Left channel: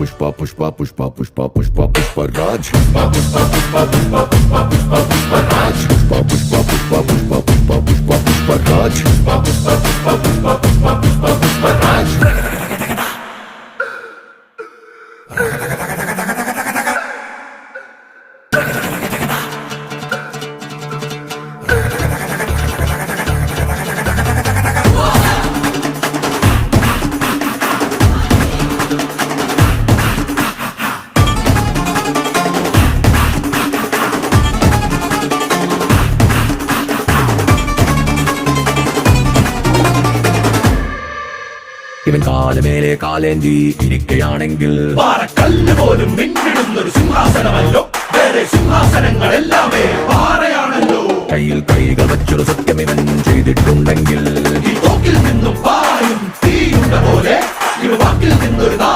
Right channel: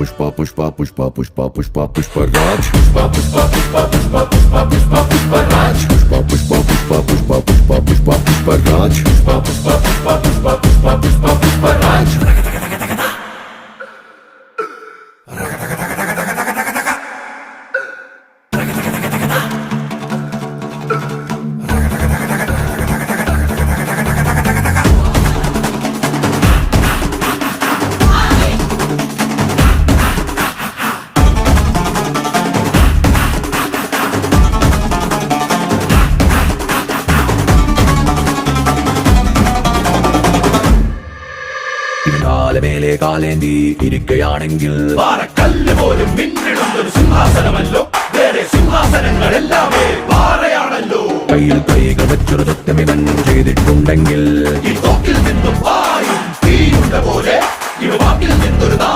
पुष्पा पुष्पा पुष्पा पुष्पा पुष्पा पुष्पराज पुष्पा पुष्पा पुष्पा पुष्पा पुष्पा पुष्पा पुष्पराज पुष्पा पुष्पा पुष्पा पुष्पा पुष्पा पुष्पा पुष्पराज पुष्पा पुष्पा पुष्पा पुष्पा पुष्पा पुष्पा पुष्पराज ഇവൻ കാലമേനെ കാലേന്തി ഇരിക്കയാണെങ്കിൽ പാറക്കല്ല് പോലും പിന്നിടുന്നൊരു സിംഹാസനമല്ലോ. വേറെ സിംഹാസനങ്ങളെല്ലാമേ പാറയാണല്ലോ. കയ്യിൽ കൈകൾ വച്ചൊരു സത്യം ഇവൻ ചെയ്തിട്ടുണ്ടെങ്കിൽ ഈ തോക്കിൽ നിന്നും വായും തീയുടെ പോലെ